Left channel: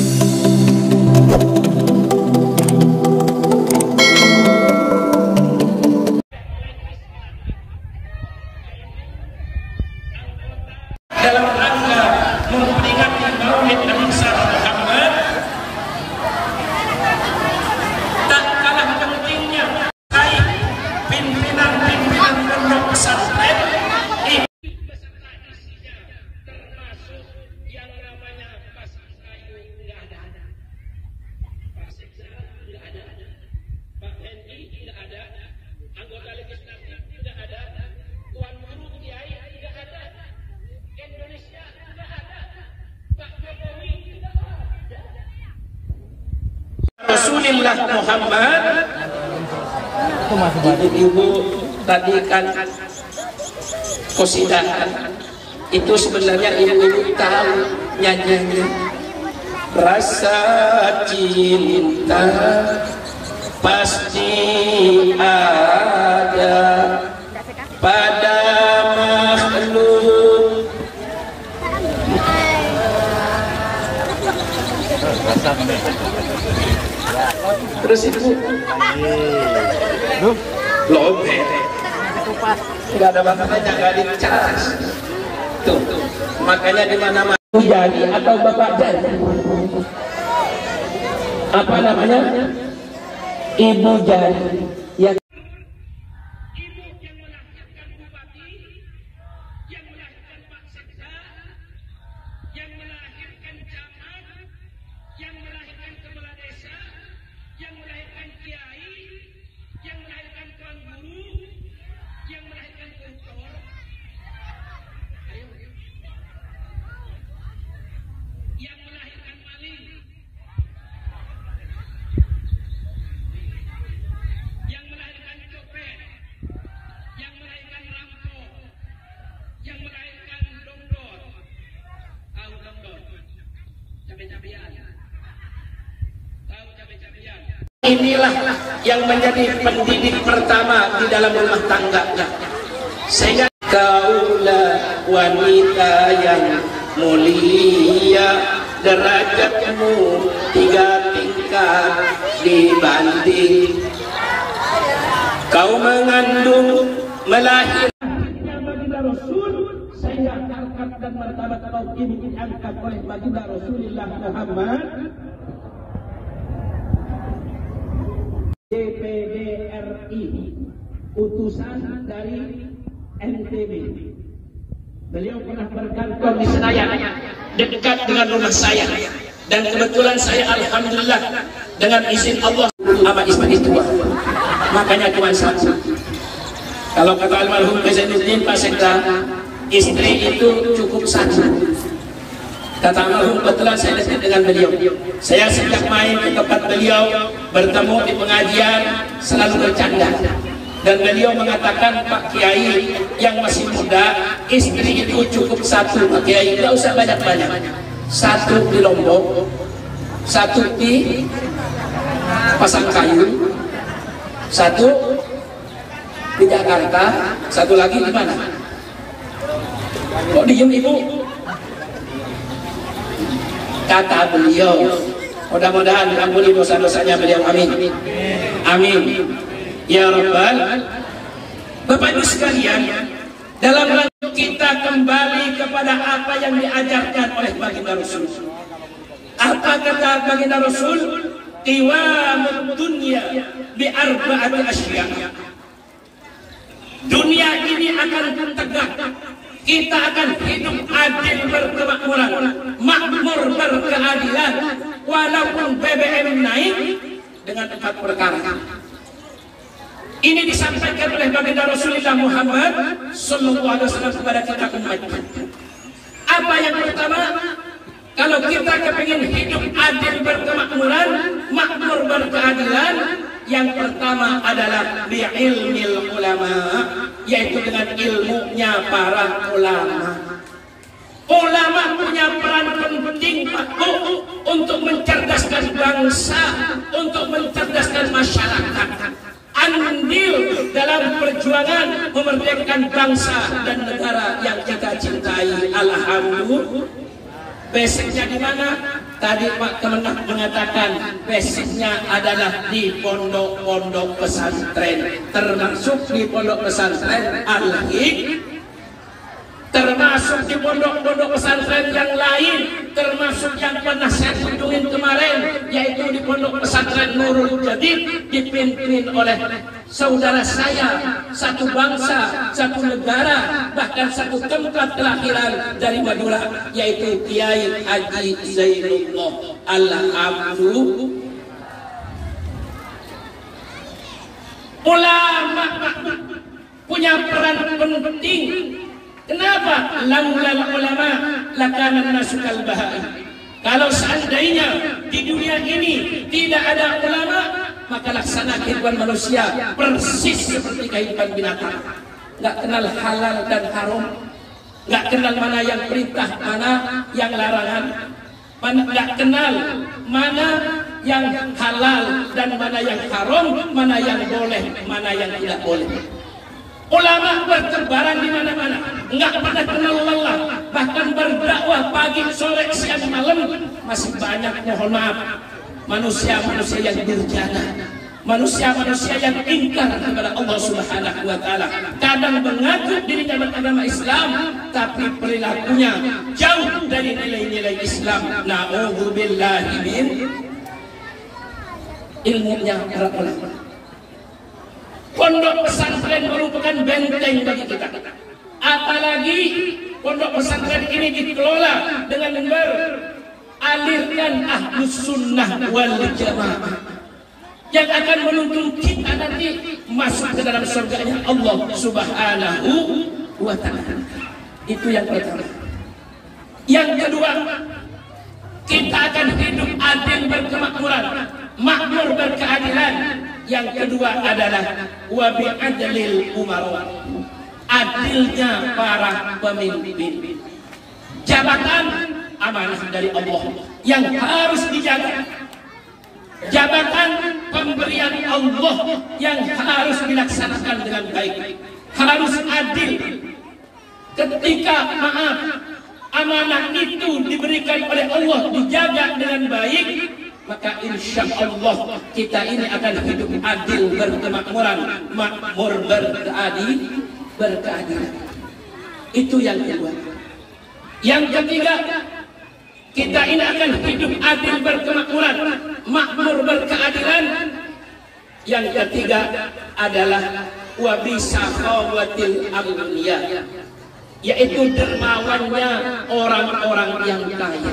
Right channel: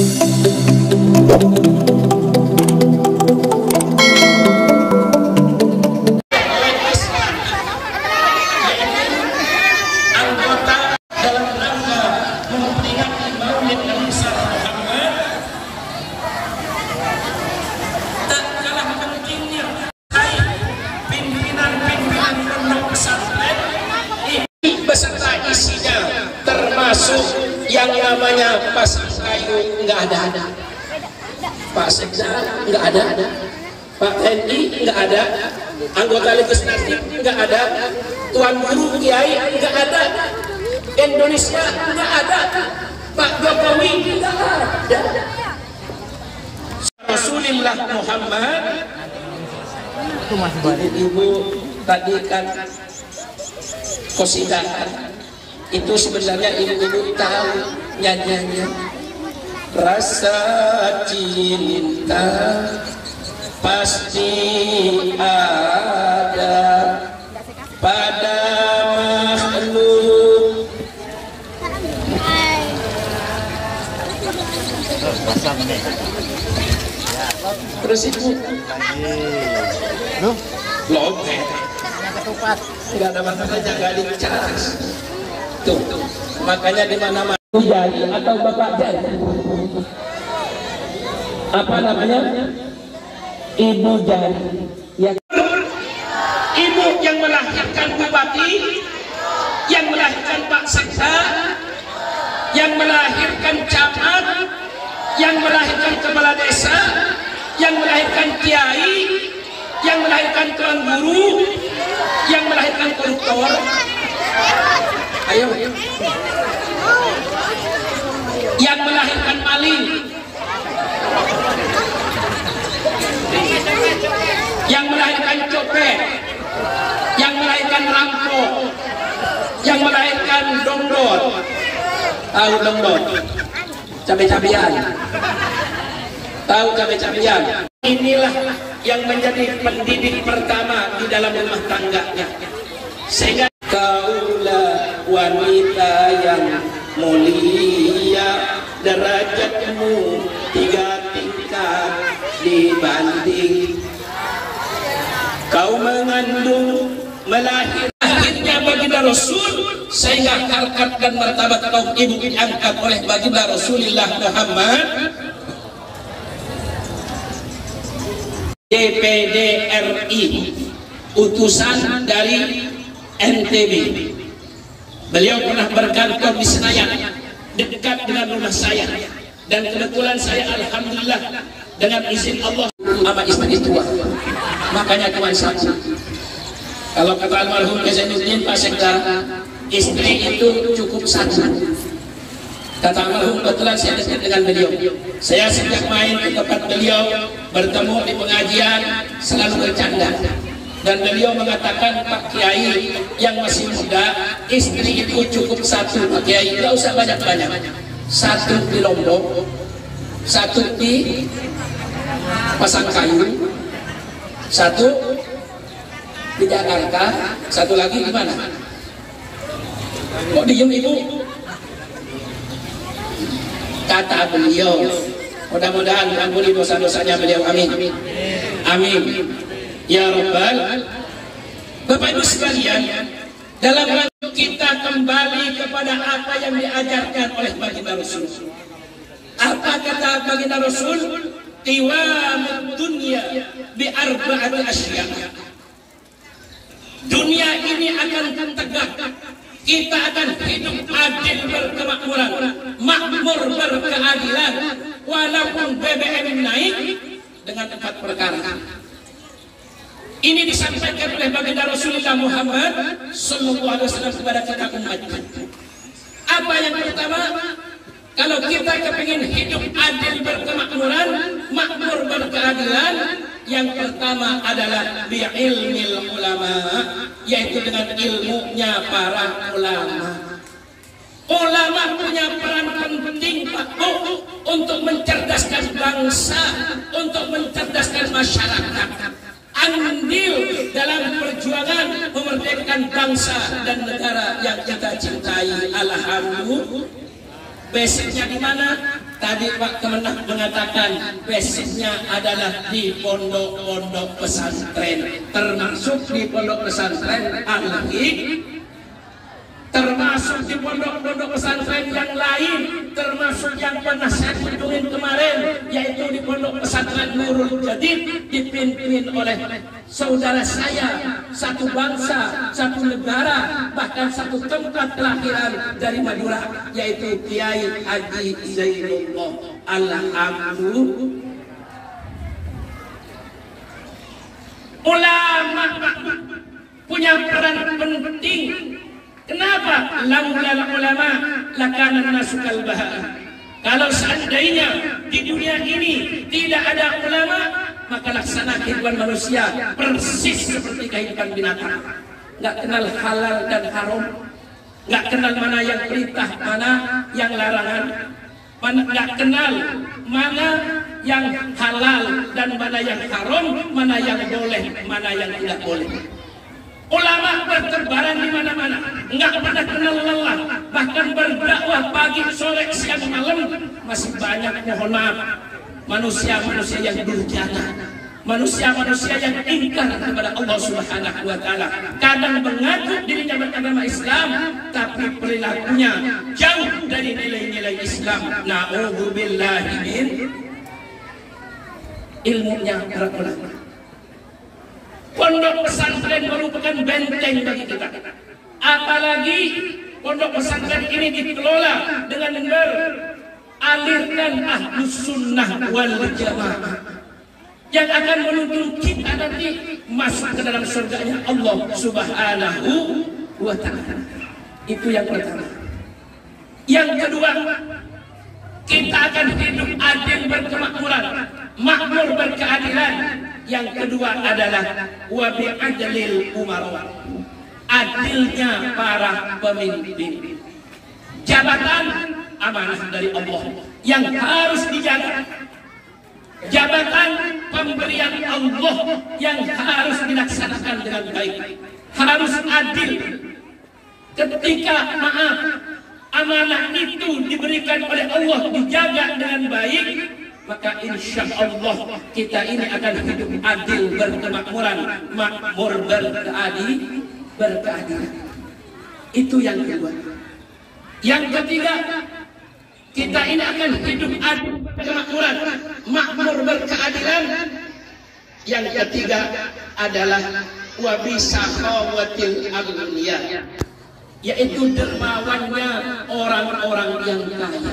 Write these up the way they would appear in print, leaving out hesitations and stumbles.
dalam rangka memperingati Maulid Nabi Muhammad. Tak kalah pentingnya pimpinan-pimpinan pondok pesantren ini beserta isinya, termasuk yang namanya Pasang Kayu nggak ada, Pak Sekda nggak ada, Pak TNI nggak ada, anggota legislatif nggak ada, Tuan Guru Kiai nggak ada, Indonesia nggak ada, Pak Jokowi nggak ada. Rasulullah Muhammad. Ibu tadi kan qasidah itu sebenarnya ibu tahu nyanyinya. Rasa cinta pasti ada pada makhluk. Terus ibu lombe nggak ada batasnya, nggak dicas tuh, makanya di mana-mana jadi atau bapak jadi apa namanya, ibu jadi yang ibu yang melahirkan bupati, yang melahirkan Pak Sekda, yang melahirkan camat, yang melahirkan kepala desa, yang melahirkan kiai, yang melahirkan tuan guru, yang melahirkan koruptor. Ayo, yang melahirkan maling, yang melahirkan copet, yang melahirkan rampok, yang melahirkan dongdot. Tahu dongdot? Cabai-cabian. Tahu cabai-cabian? Inilah yang menjadi pendidik pertama di dalam rumah tangganya. Sehingga kaulah wanita yang mulia, derajatmu 3 tingkat dibanding kau mengandung melahirkannya baginda Rasul, sehingga harkat dan martabat kaum ibu diangkat oleh baginda Rasulullah Muhammad. DPD RI utusan dari NTB, beliau pernah berkantor di Senayan dekat dengan rumah saya, dan kebetulan saya alhamdulillah dengan izin Allah sama istri tua, makanya tuan satu. Kalau kata almarhum Zainuddin Pak Sekda, istri itu cukup satu. Kata almarhum, kebetulan saya dekat dengan beliau, saya sejak main ke tempat beliau, bertemu di pengajian, selalu bercanda. Dan beliau mengatakan, Pak Kiai yang masih muda, istri itu cukup satu, Pak Kiai, tidak usah banyak-banyak. Satu di Lombok, satu di Pasang Kayu, satu di Jakarta, satu lagi di mana? Kok diem ibu? Kata beliau, mudah-mudahan ampuni dosa-dosanya beliau, amin, amin ya Rabbal. Bapak Ibu sekalian, dalam rangka kita kembali kepada apa yang diajarkan oleh baginda Rasul. Apa kata baginda Rasul? Qiwamud dunya bi arba'ati asya. Dunia ini akan tegak, kita akan hidup adil berkemakmuran, makmur berkeadilan, walaupun BBM naik, dengan 4 perkara. Ini disampaikan oleh baginda Rasulullah Muhammad sallallahu alaihi wasallam kepada kita umatnya. Apa yang pertama? Kalau kita kepingin hidup adil berkemakmuran, makmur berkeadilan, yang pertama adalah bi'ilmil ulama, yaitu dengan ilmunya para ulama. Ulama punya peran penting, Pak Bu, untuk mencerdaskan bangsa, untuk mencerdaskan masyarakat. Andil dalam perjuangan memerdekakan bangsa dan negara yang kita cintai. Alhamdulillah. Basicnya di mana? Tadi Pak Kemenang mengatakan basicnya adalah di pondok-pondok pesantren, termasuk di pondok pesantren Al-Hik, termasuk di pondok-pondok pesantren yang lain, termasuk yang pernah saya kunjungi kemarin, yaitu di pondok pesantren Nurul Jadid, dipimpin oleh saudara saya, satu bangsa, satu negara, bahkan satu tempat kelahiran dari Madura, yaitu Kiai Haji Zainullah Al-Abdu. Ulama punya peran penting. Kenapa? Laulal ulama lakana nasu kal bahar. Kalau seandainya di dunia ini tidak ada ulama, maka laksana kehidupan manusia persis seperti kehidupan binatang. Nggak kenal halal dan haram, nggak kenal mana yang perintah, mana yang larangan, nggak kenal mana yang halal dan mana yang haram, mana yang boleh, mana yang tidak boleh. Ulama berterbaran di mana-mana, nggak pernah kenal lelah, bahkan berdakwah pagi, sore, siang, malam. Masih banyak, mohon maaf, manusia-manusia yang durjana, manusia-manusia yang ingkar kepada Allah Subhanahu wa Ta'ala. Kadang mengaku dirinya beragama Islam, tapi perilakunya jauh dari nilai-nilai Islam. Na'udzubillahi min ilmunya para ulama. Pondok pesantren merupakan benteng bagi kita. Apalagi pondok pesantren ini dikelola dengan beralirkan Ahlus Sunnah wal Jamaah yang akan menuntun kita nanti masuk ke dalam surganya Allah Subhanahu wa Ta'ala. Itu yang pertama. Yang kedua, kita akan hidup adil berkemakmuran, makmur berkeadilan. Yang kedua adalah wabi adlil umara, adilnya para pemimpin. Jabatan amanah dari Allah yang harus dijaga. Jabatan pemberian Allah yang harus dilaksanakan dengan baik, harus adil. Ketika amanah itu diberikan oleh Allah, dijaga dengan baik, maka insya Allah kita ini akan hidup adil berkemakmuran, makmur berkeadilan. Itu yang kedua. Yang ketiga, kita ini akan hidup adil berkemakmuran, makmur berkeadilan. Yang ketiga adalah wabisakhawatil agniya, yaitu dermawannya orang-orang yang kaya.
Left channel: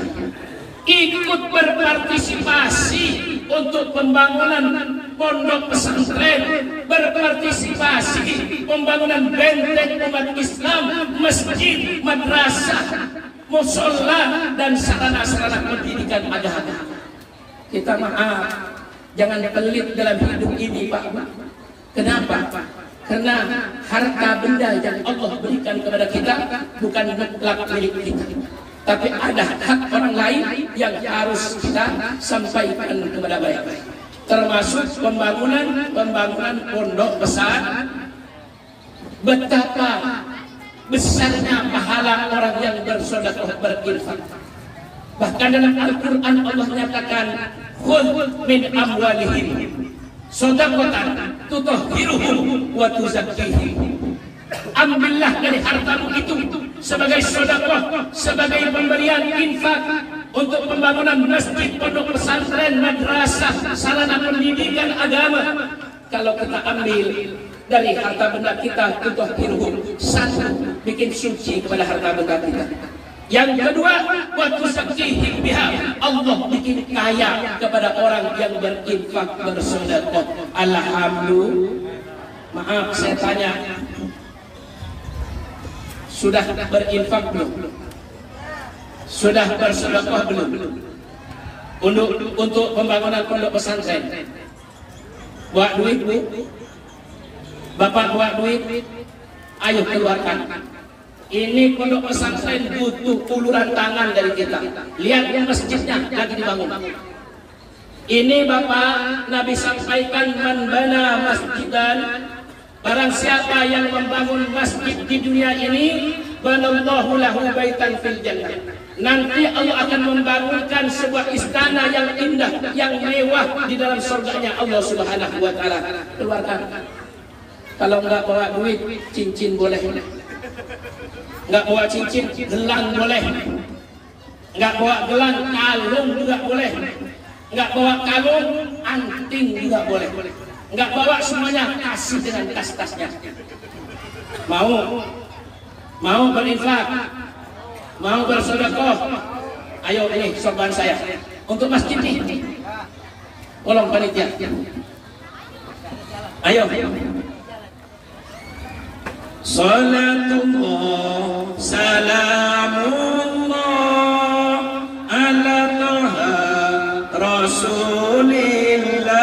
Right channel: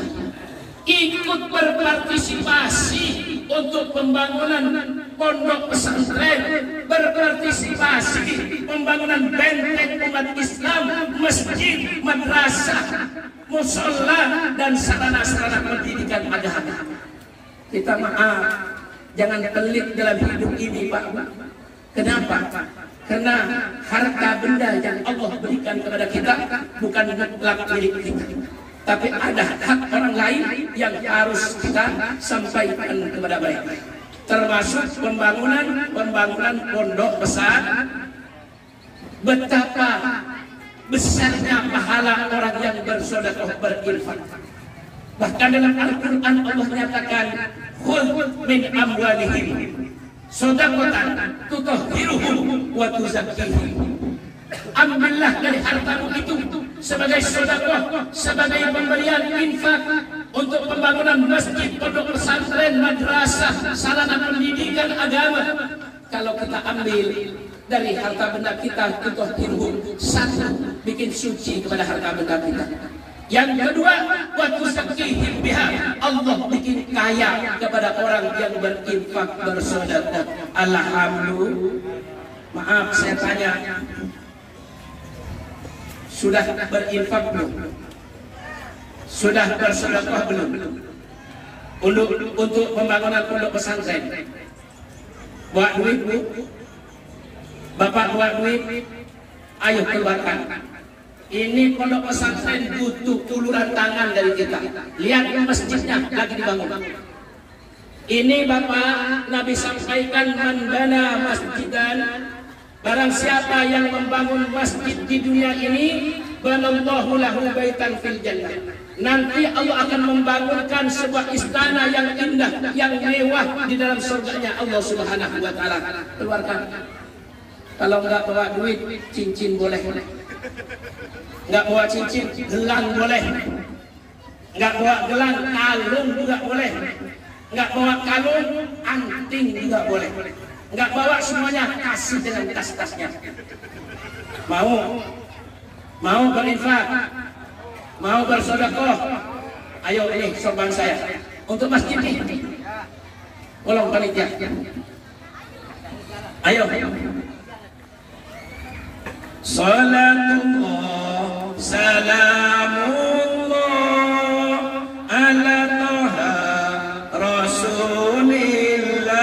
Ikut berpartisipasi untuk pembangunan pondok pesantren, berpartisipasi pembangunan benteng umat Islam, masjid, madrasah, musola dan sarana-sarana pendidikan agama. Kita maaf, jangan pelit dalam hidup ini, Pak. Kenapa? Karena harta benda yang Allah berikan kepada kita bukan mutlak milik kita, tapi ada hak orang lain yang harus kita sampaikan kepada mereka, termasuk pembangunan pondok besar. Betapa besarnya pahala orang yang bersedekah berinfak. Bahkan dalam Al-Quran Allah nyatakan, khudh min amwalihim shadaqatan tutahhiruhum wa tuzakkihim. Ambillah dari hartamu itu sebagai sedekah, sebagai pemberian infak untuk pembangunan masjid, pondok pesantren, madrasah, sarana pendidikan agama. Kalau kita ambil dari harta benda kita, tutahhiruhum, satu, bikin suci kepada harta benda kita. Yang kedua, wa tuzakkihim biha, Allah bikin kaya kepada orang yang berinfak, bersedekah. Alhamdulillah. Maaf, saya tanya, sudah berinfak belum? Sudah bersedekah belum? Untuk pembangunan pondok pesantren. Buat duit, Bu? Bapak buat duit? Ayo keluarkan. Ini pondok pesantren butuh uluran tangan dari kita. Lihat masjidnya lagi dibangun. Ini Bapak Nabi sampaikan, man bana masjidan, barang siapa yang membangun masjid di dunia ini, banallahu lahu baitan fil jannah, Nanti Allah akan membangunkan sebuah istana yang indah, yang mewah di dalam surganya Allah Subhanahu wa taala. Keluarkan. Kalau enggak bawa duit, cincin boleh. Enggak bawa cincin, gelang boleh. Enggak bawa gelang, kalung juga boleh. Enggak bawa kalung, anting juga boleh. Enggak bawa semuanya, kasih dengan tas-tasnya. Mau berinfak, mau bersedekah. Ayo ini sorban saya untuk masjid ini. Tolong panitia. Ayo. Salatullah salamullah ala taha rasulillah.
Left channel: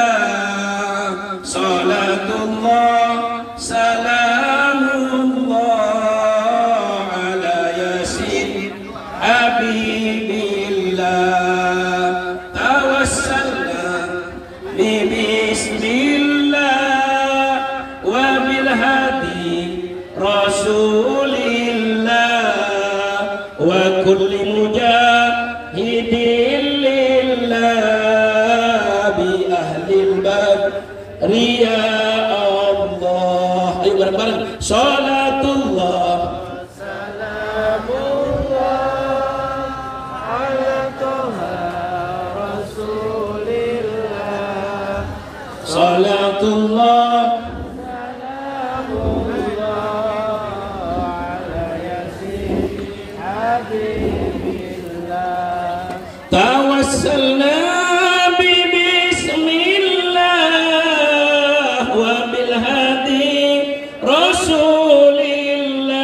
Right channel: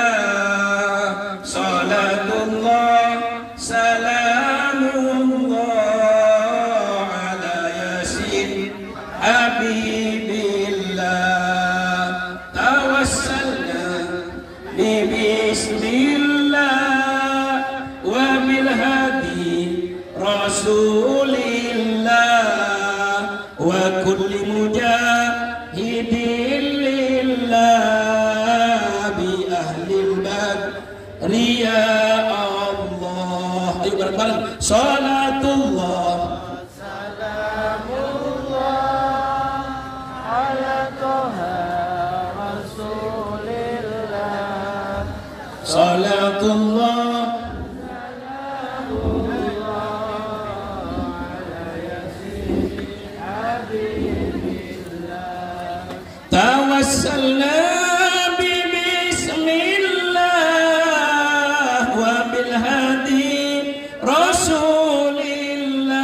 Salatullah salamullah ala yasin habibillah. Tawassalna bismillah wa bil hadi rasulillah wa kulli mujahidin lillah bi ahlil badri ya Allah. Ayo bareng-bareng. Salatullah salamullah ala taha rasulillah. Salatullah tawassalna bismillah wa bil hadi rasulillah.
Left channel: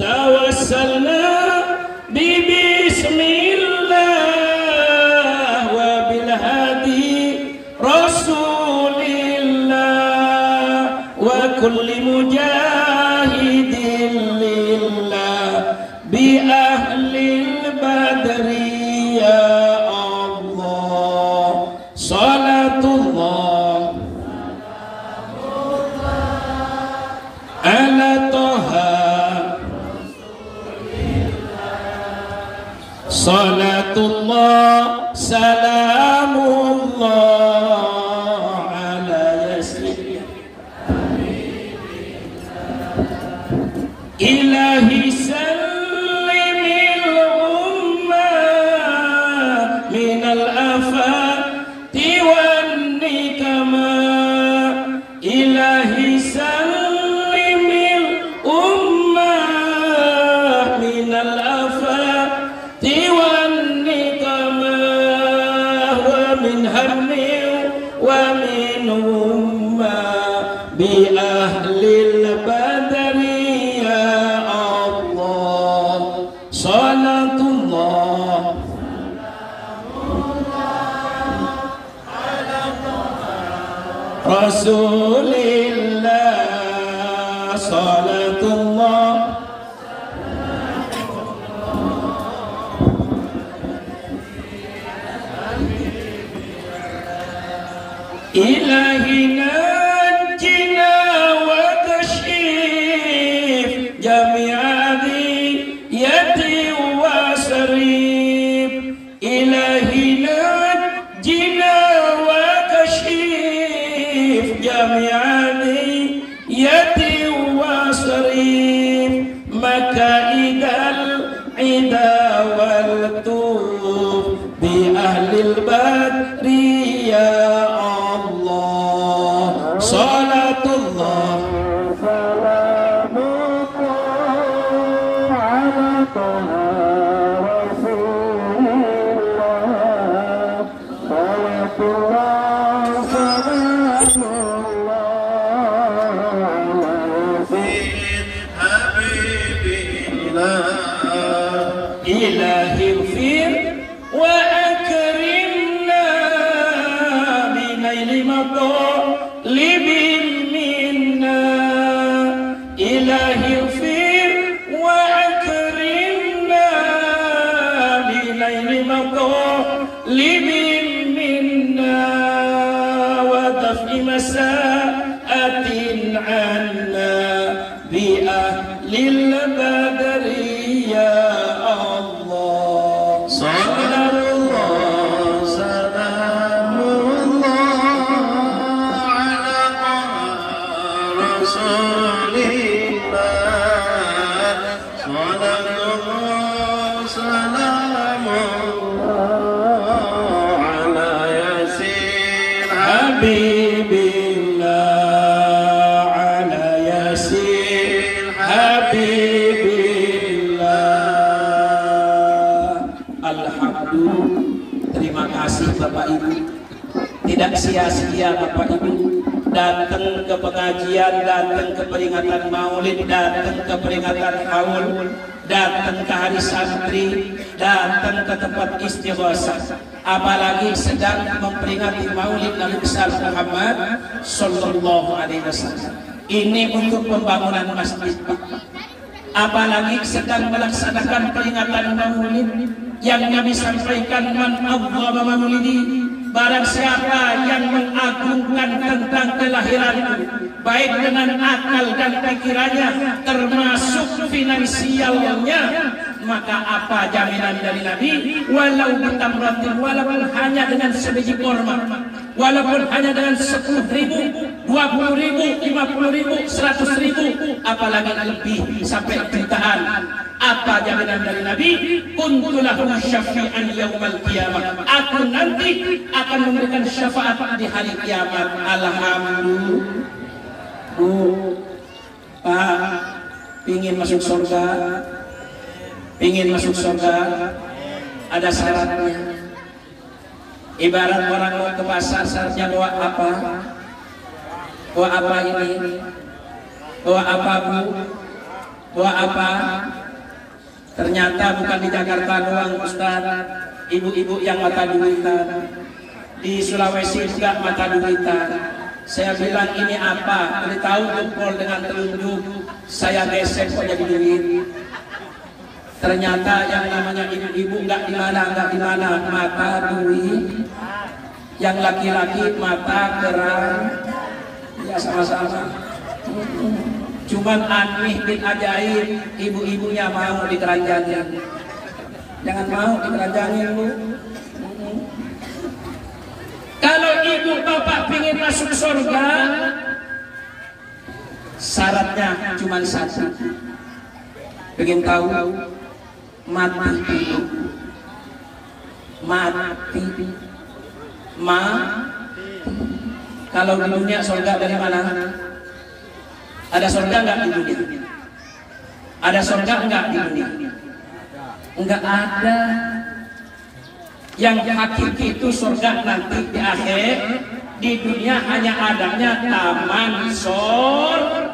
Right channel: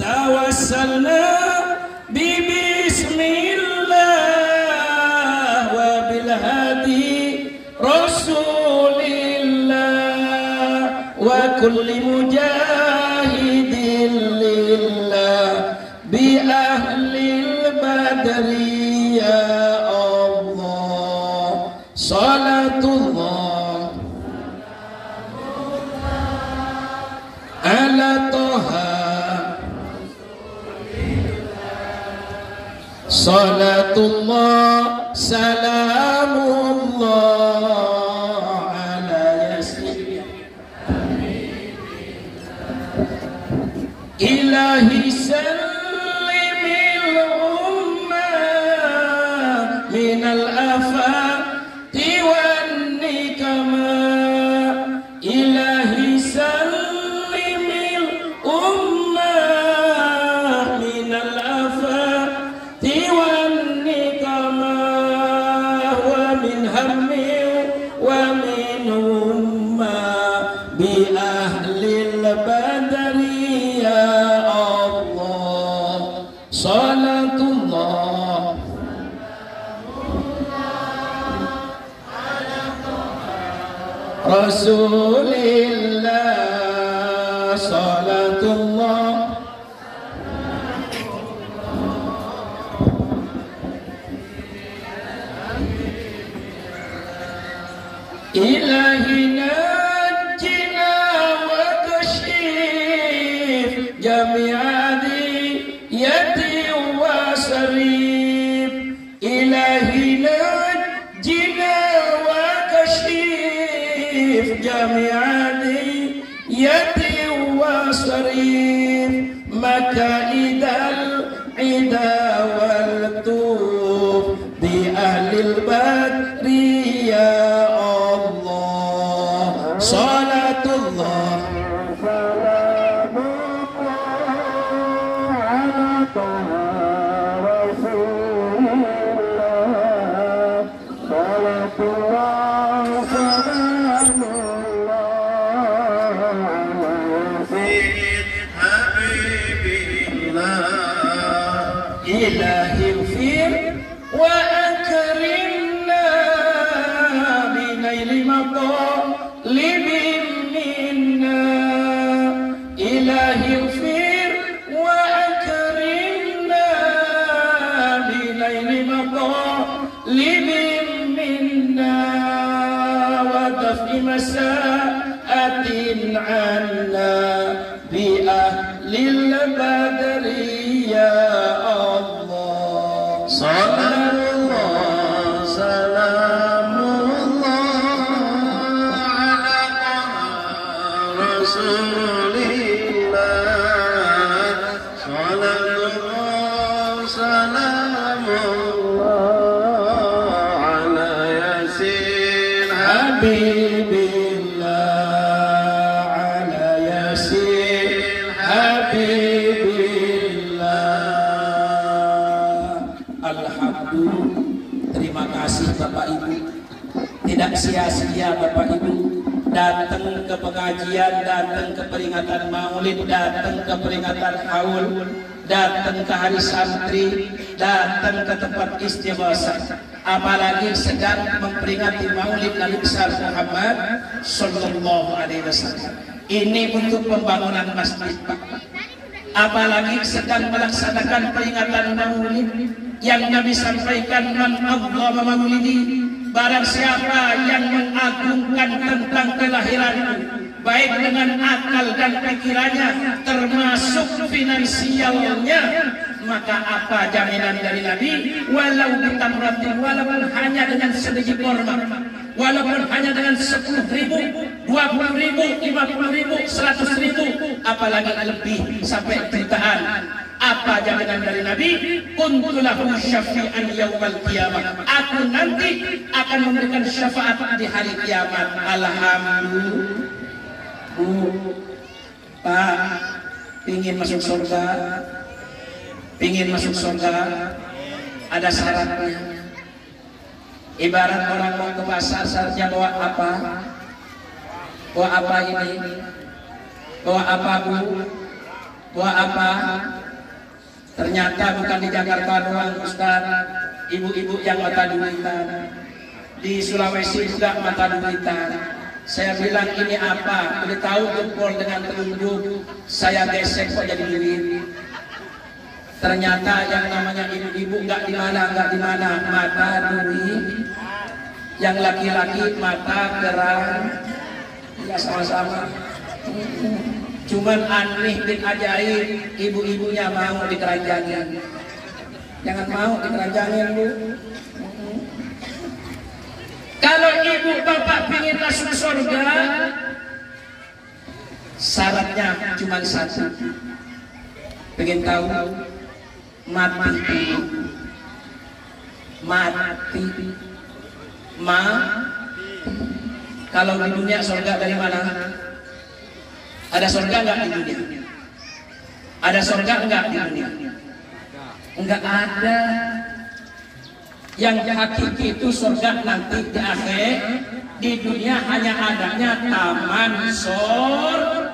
Tawassalna bismillah wa bil hadi rasulillah wa kulli mujahidin lillah bi ahlil badri ya Allah. Salatullah ala taha salatullah salamullah ala yasin ilahi sallimil ummah minal afati wan nikama. Ilahi sallimil ummah minal afati wan nikama wa min hammi wa min ummah bi ahlil badri ya Allah. Salatullah rasulillah. Salatullah ilahi najjina wa kashif jami'adi yati wa sarif. Ilahi najjina wa kashif jami'adi yati wa sarif. Makaidal ida wal tuf bi ahlil badri ya Allah. Salatullah ilahi ighfir wa akrimna binaili matalibin minna. Ilahi ighfir wa akrimna binaili matalibin minna wa daf'i masa'atin anna bi ahlil badri ya Allah. Habibillah ala yasin Habibillah. Alhamdulillah. Terima kasih Bapak Ibu. Tidak sia-sia Bapak Ibu datang ke pengajian, datang ke peringatan maulid, datang ke peringatan haul, datang ke hari santri, datang ke tempat istighosah, apalagi sedang memperingati maulid Nabi besar Muhammad sallallahu alaihi wasallam. Ini untuk pembangunan masjid, Pak. Apalagi sedang melaksanakan peringatan maulid yang Nabi sampaikan, man a'zama maulidi, barang siapa yang mengagungkan tentang kelahiranku, baik dengan akal dan pikirannya termasuk finansialnya, maka apa jaminan dari Nabi? Walau bitamratin, walaupun hanya dengan sebiji kurma, walaupun hanya dengan 10.000, 20.000, 50.000, 100.000, apalagi lebih sampai jutaan. Apa jaminan dari Nabi? Kuntulahu syafi'an yaumal qiyamah. Aku nanti akan memberikan syafaat di hari kiamat. Alhamdulillah. Bu, Pak, pingin masuk surga, ada syaratnya. Ibarat orang mau ke pasar, syaratnya bawa apa? Bawa apa ini? Bawa apa Bu? Bawa apa? Ternyata bukan di Jakarta doang Ustaz, ibu-ibu yang mata duitan, di Sulawesi juga mata duitan. Saya bilang ini apa? Beritahu jempol dengan telunjuk, saya gesek kok jadi duit. Ternyata yang namanya ibu-ibu nggak di mana, mata duit. Yang laki-laki mata kerang, ya sama-sama. Cuman aneh bin ajaib, ibu-ibunya mau dikeranjangin. Jangan mau dikeranjangin Bu. Kalau ibu bapak ingin masuk surga, syaratnya cuma satu. Pengen tahu? Mati. Kalau di dunia surga dari mana? Ada surga enggak di dunia? Ada surga enggak di dunia? Enggak ada. Yang hakiki itu surga nanti di akhir. Di dunia hanya adanya taman surga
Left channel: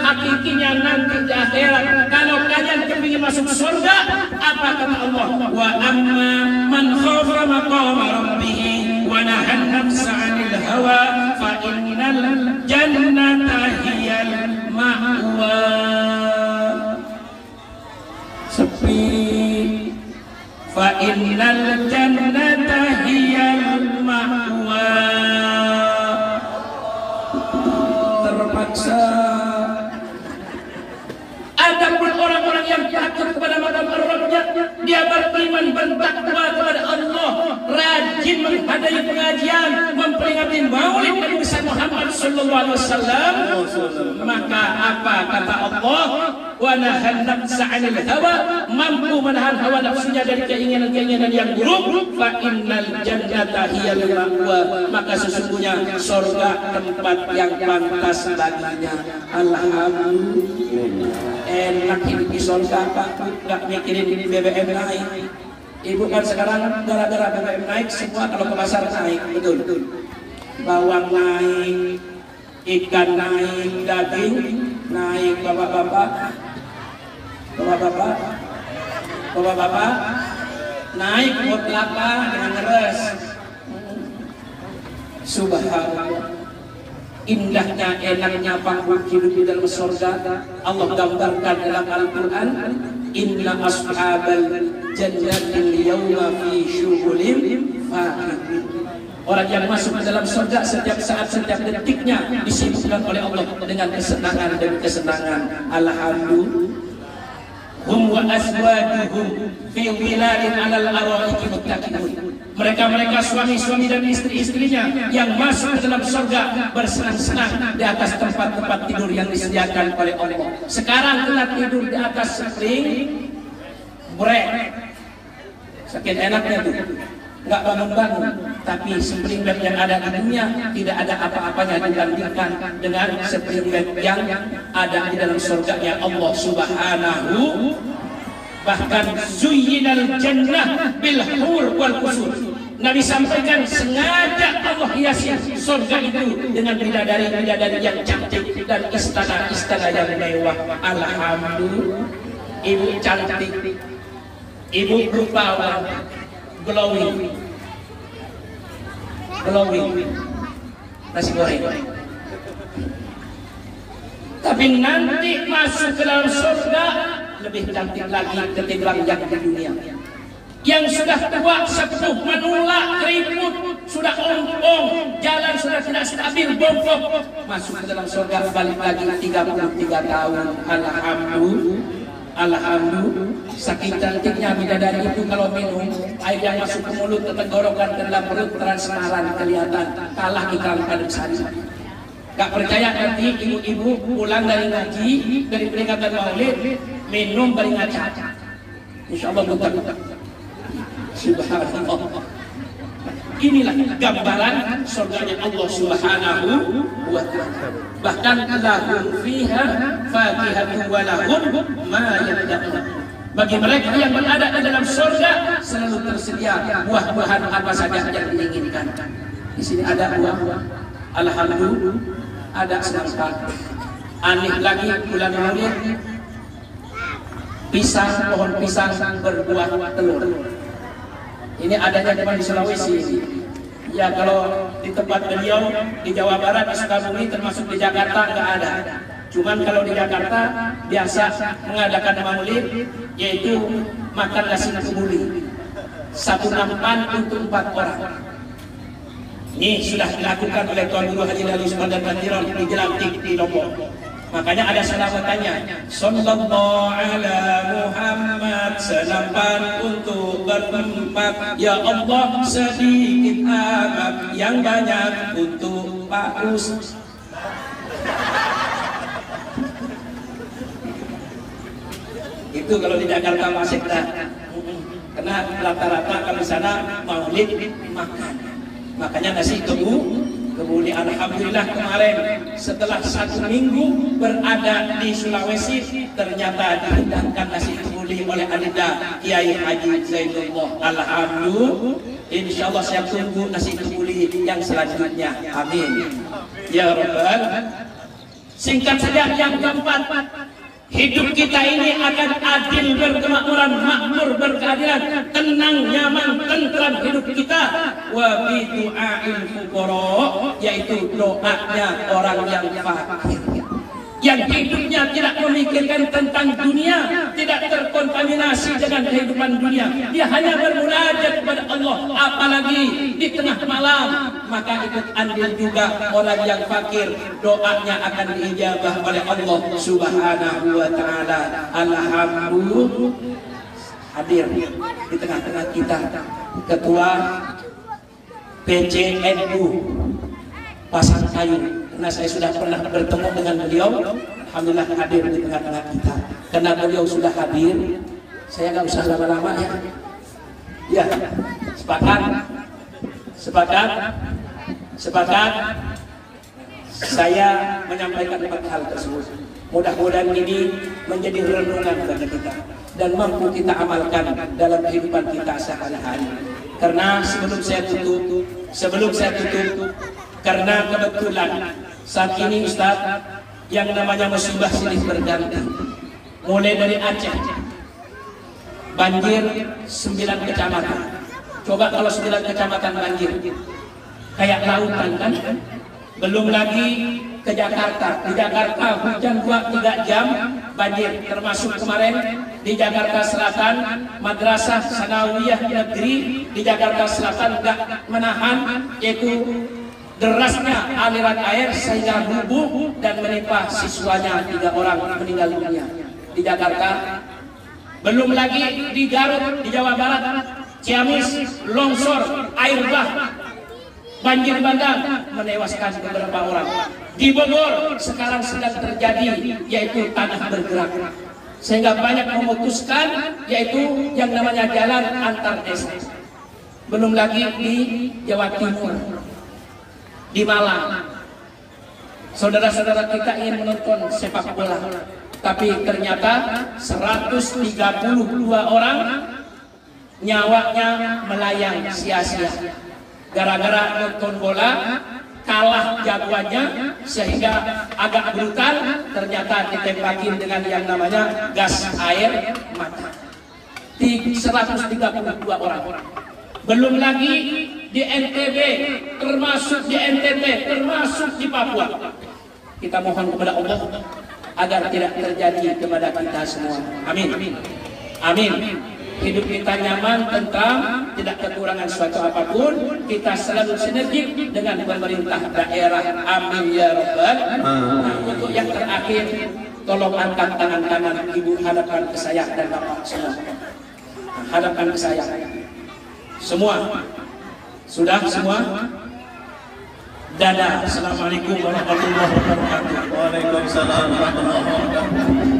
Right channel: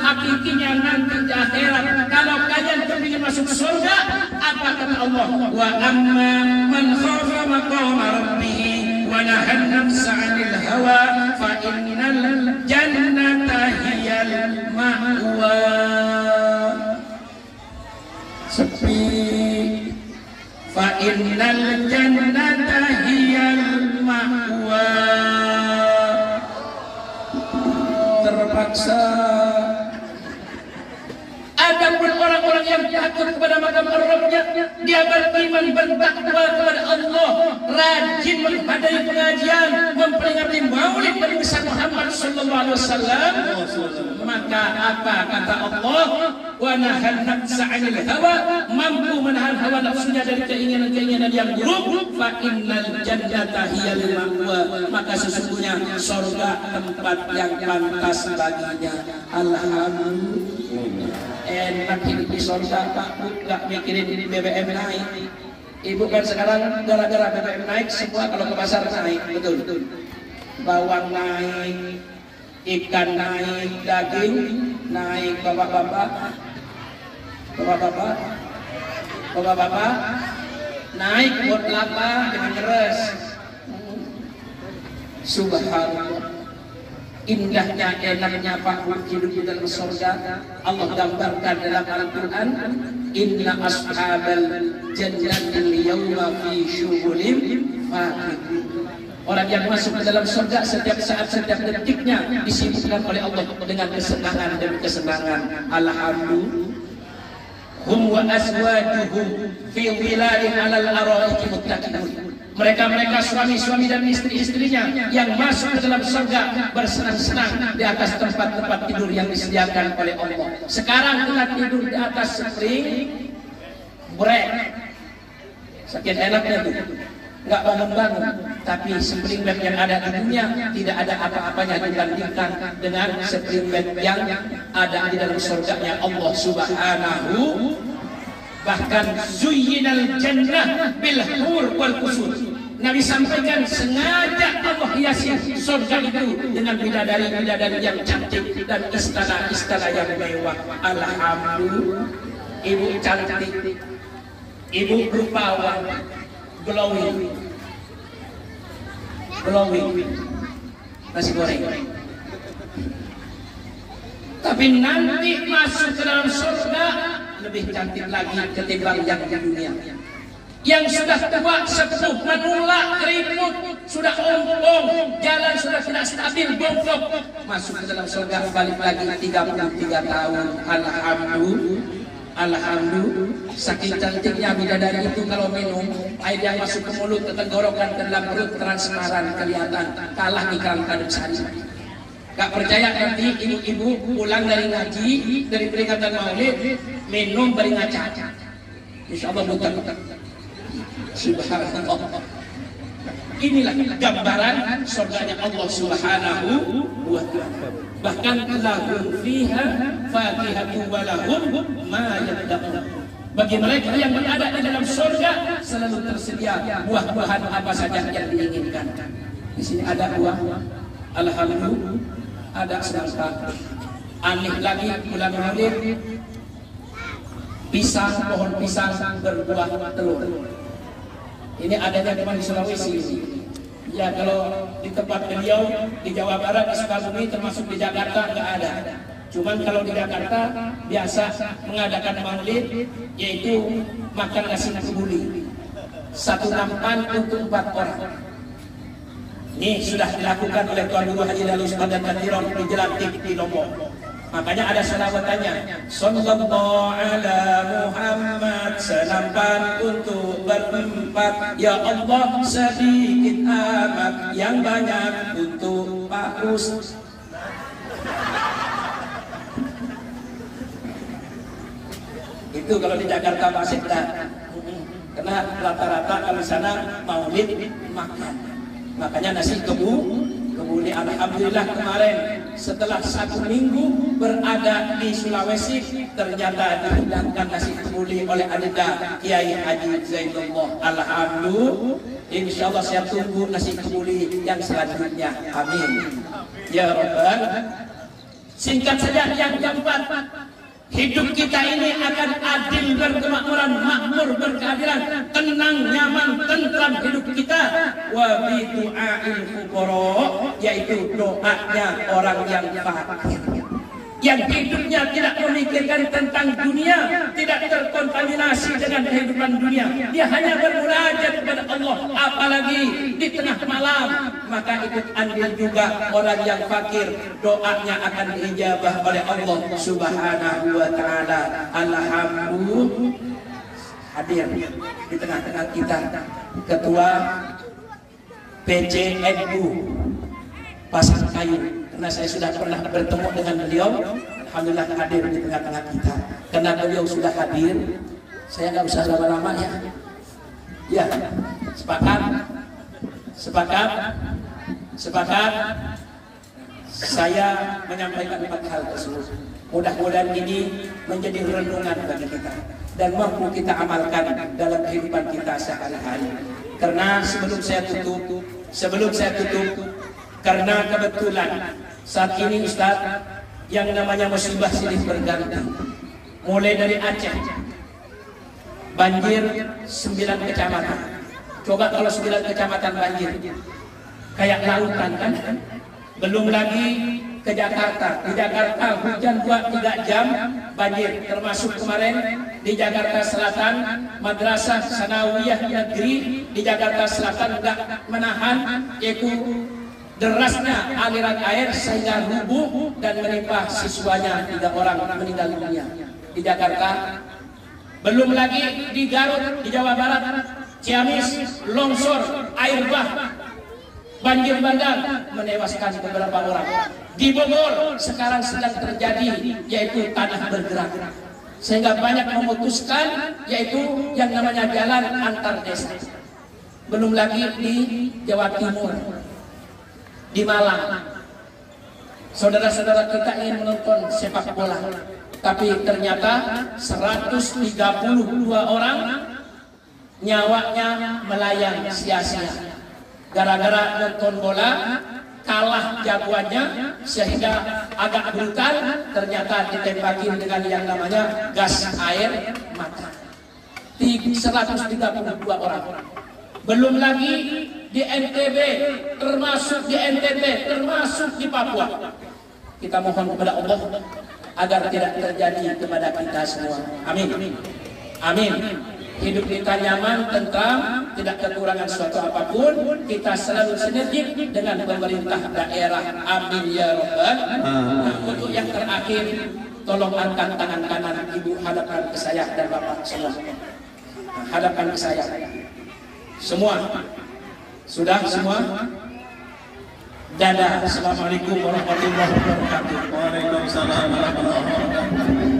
hakikinya nanti di akhirat. Kalau kalian kepingin masuk surga, apa kata Allah? Wa amma man khafa maqama rabbih wa nahan nafsa 'anil hawa fa innal jannata hiyal ma'wa. Sepi. Fa innal jannata hiyal ma'wa. Terpaksa. Adapun orang-orang yang takut kepada makam Rabbnya, dia beriman bertakwa kepada Allah, rajin menghadiri pengajian, memperingati maulid Nabi besar Muhammad sallallahu alaihi wasallam, maka apa kata Allah? Wa nahan nafsa 'anil hawa, mampu menahan hawa nafsunya dari keinginan-keinginan yang buruk. Fa innal jannata hiyal ma'wa, maka sesungguhnya surga tempat yang pantas baginya. Alhamdulillah. Enak hidup di surga, Pak, nggak mikirin BBM naik. Ibu kan sekarang gara-gara BBM naik, semua kalau ke pasar naik, betul. Bawang naik, ikan naik, daging naik, bapak-bapak naik buat kelapa dengan ngeres. Subhanallah. Indahnya, enaknya panggung hidup di dalam surga. Allah gambarkan dalam Al-Quran, inna ashabal jannatil yawma fi syughulin fakihun. Orang yang masuk ke dalam surga setiap saat, setiap detiknya disibukkan oleh Allah dengan kesenangan dan kesenangan. Alhamdulillah. Hum wa azwajuhum fi wilalin 'alal araiki muttaqin. Mereka suami-suami dan istri-istrinya yang masuk ke dalam surga bersenang-senang di atas tempat-tempat tidur yang disediakan oleh Allah. Sekarang kita tidur di atas spring break. Sakit enaknya tuh, nggak bangun-bangun. tapi spring bed yang ada di dunia tidak ada apa-apanya dibandingkan dengan spring bed yang ada di dalam surganya Allah Subhanahu. Bahkan zuyyinal jannah bil hur wal qusur. Nabi sampaikan sengaja Allah hiasi surga itu dengan bidadari-bidadari yang cantik dan istana-istana yang mewah. Alhamdulillah, ibu cantik, ibu rupawan, glowing, nasi goreng. Tapi nanti masuk ke dalam surga lebih cantik lagi ketimbang yang di dunia. Yang sudah tua, sepuh, menolak, keriput, sudah ompong, jalan sudah tidak stabil, bongkok, masuk ke dalam surga balik lagi 33 tahun. Alhamdulillah, saking cantiknya bidadari itu kalau minum air yang masuk ke mulut, ke tenggorokan, ke dalam perut transparan kelihatan, kalah iklan kadang sari. Gak percaya nanti ibu-ibu pulang dari ngaji, dari peringatan Maulid, minum beri ngaca. Insya Allah bukan. Subhanallah. Inilah gambaran surganya Allah Subhanahu wa ta'ala. Bahkan lahum fiha fakihatun wa lahum ma yad'un. Bagi mereka yang berada di dalam surga selalu tersedia buah-buahan apa saja yang diinginkan. Di sini ada buah, alhamdulillah, ada semangka. Aneh lagi bulan Maulid, pisang, pohon pisang berbuah telur. Ini adanya cuma di Sulawesi. Ya kalau di tempat beliau di Jawa Barat, di Sukabumi, termasuk di Jakarta nggak ada. Cuman kalau di Jakarta biasa mengadakan maulid, yaitu makan nasi kebuli, satu nampan untuk 4 orang. Ini sudah dilakukan oleh Tuan Guru Haji Darus Pandan Bandiron di Jelantik di Lombok. Makanya ada selawatannya, Sallallahu ala Muhammad, senampan untuk berempat. Ya Allah sedikit amat, yang banyak untuk Pak Us. Itu kalau di Jakarta masih tak. Karena rata-rata kalau di sana maulid makan. Makanya nasi kebuli. Alhamdulillah kemarin setelah 1 minggu berada di Sulawesi, ternyata dihidangkan nasi kebuli oleh Adinda Kiai Haji Zainullah. Alhamdulillah, insya Allah saya tunggu nasi kebuli yang selanjutnya. Amin ya Rabbal. Singkat saja yang keempat, hidup kita ini akan adil, berkemakmuran, makmur, berkeadilan, tenang, nyaman, tentram hidup kita. Wa bi du'ail fuqara, yaitu doanya orang yang fakir, yang hidupnya tidak memikirkan tentang dunia, tidak terkontaminasi dengan kehidupan dunia. Dia hanya bermunajat kepada Allah, apalagi di tengah malam. Maka ikut andil juga orang yang fakir, doanya akan diijabah oleh Allah Subhanahu wa ta'ala. Alhamdulillah, hadir di tengah-tengah kita Ketua PCNU Pasangkayu. Karena saya sudah pernah bertemu dengan beliau, alhamdulillah hadir di tengah-tengah kita. Karena beliau sudah hadir, saya nggak usah lama-lama ya. Ya, sepakat. Saya menyampaikan 4 hal tersebut. Mudah-mudahan ini menjadi renungan bagi kita dan mampu kita amalkan dalam kehidupan kita sehari-hari. Karena sebelum saya tutup, karena kebetulan saat ini Ustaz, yang namanya musibah silih berganti. Mulai dari Aceh, banjir 9 kecamatan. Coba kalau 9 kecamatan banjir, kayak lautan kan? Belum lagi ke Jakarta. Di Jakarta hujan 2-3 jam banjir. Termasuk kemarin di Jakarta Selatan, Madrasah Sanawiyah Negeri di Jakarta Selatan tidak menahan, yaitu derasnya aliran air sehingga rubuh dan menimpa siswanya, 3 orang meninggal dunia di Jakarta. Belum lagi di Garut, di Jawa Barat, Ciamis, longsor, air bah, banjir bandang menewaskan beberapa orang. Di Bogor sekarang sedang terjadi, yaitu tanah bergerak, sehingga banyak memutuskan, yaitu yang namanya jalan antar desa. belum lagi di Jawa Timur, di Malang. Saudara-saudara kita ingin menonton sepak bola, tapi ternyata 132 orang nyawanya melayang sia-sia gara-gara nonton bola kalah jagoannya, sehingga agak brutal, ternyata ditembakin dengan yang namanya gas air mata. 132 orang. Belum lagi di NTB, termasuk di NTT, termasuk di Papua. Kita mohon kepada Allah agar tidak terjadi kepada kita semua. Amin. Amin. Hidup kita nyaman, tentram, tidak kekurangan suatu apapun. Kita selalu sinergi dengan pemerintah daerah. Amin ya Rabbal. Nah, untuk yang terakhir, tolong angkat tangan kanan ibu, hadapkan ke saya dan bapak semua. Hadapkan ke saya. Semua. Sudah semua? Dadah. Assalamualaikum warahmatullahi wabarakatuh. Waalaikumsalam warahmatullahi wabarakatuh.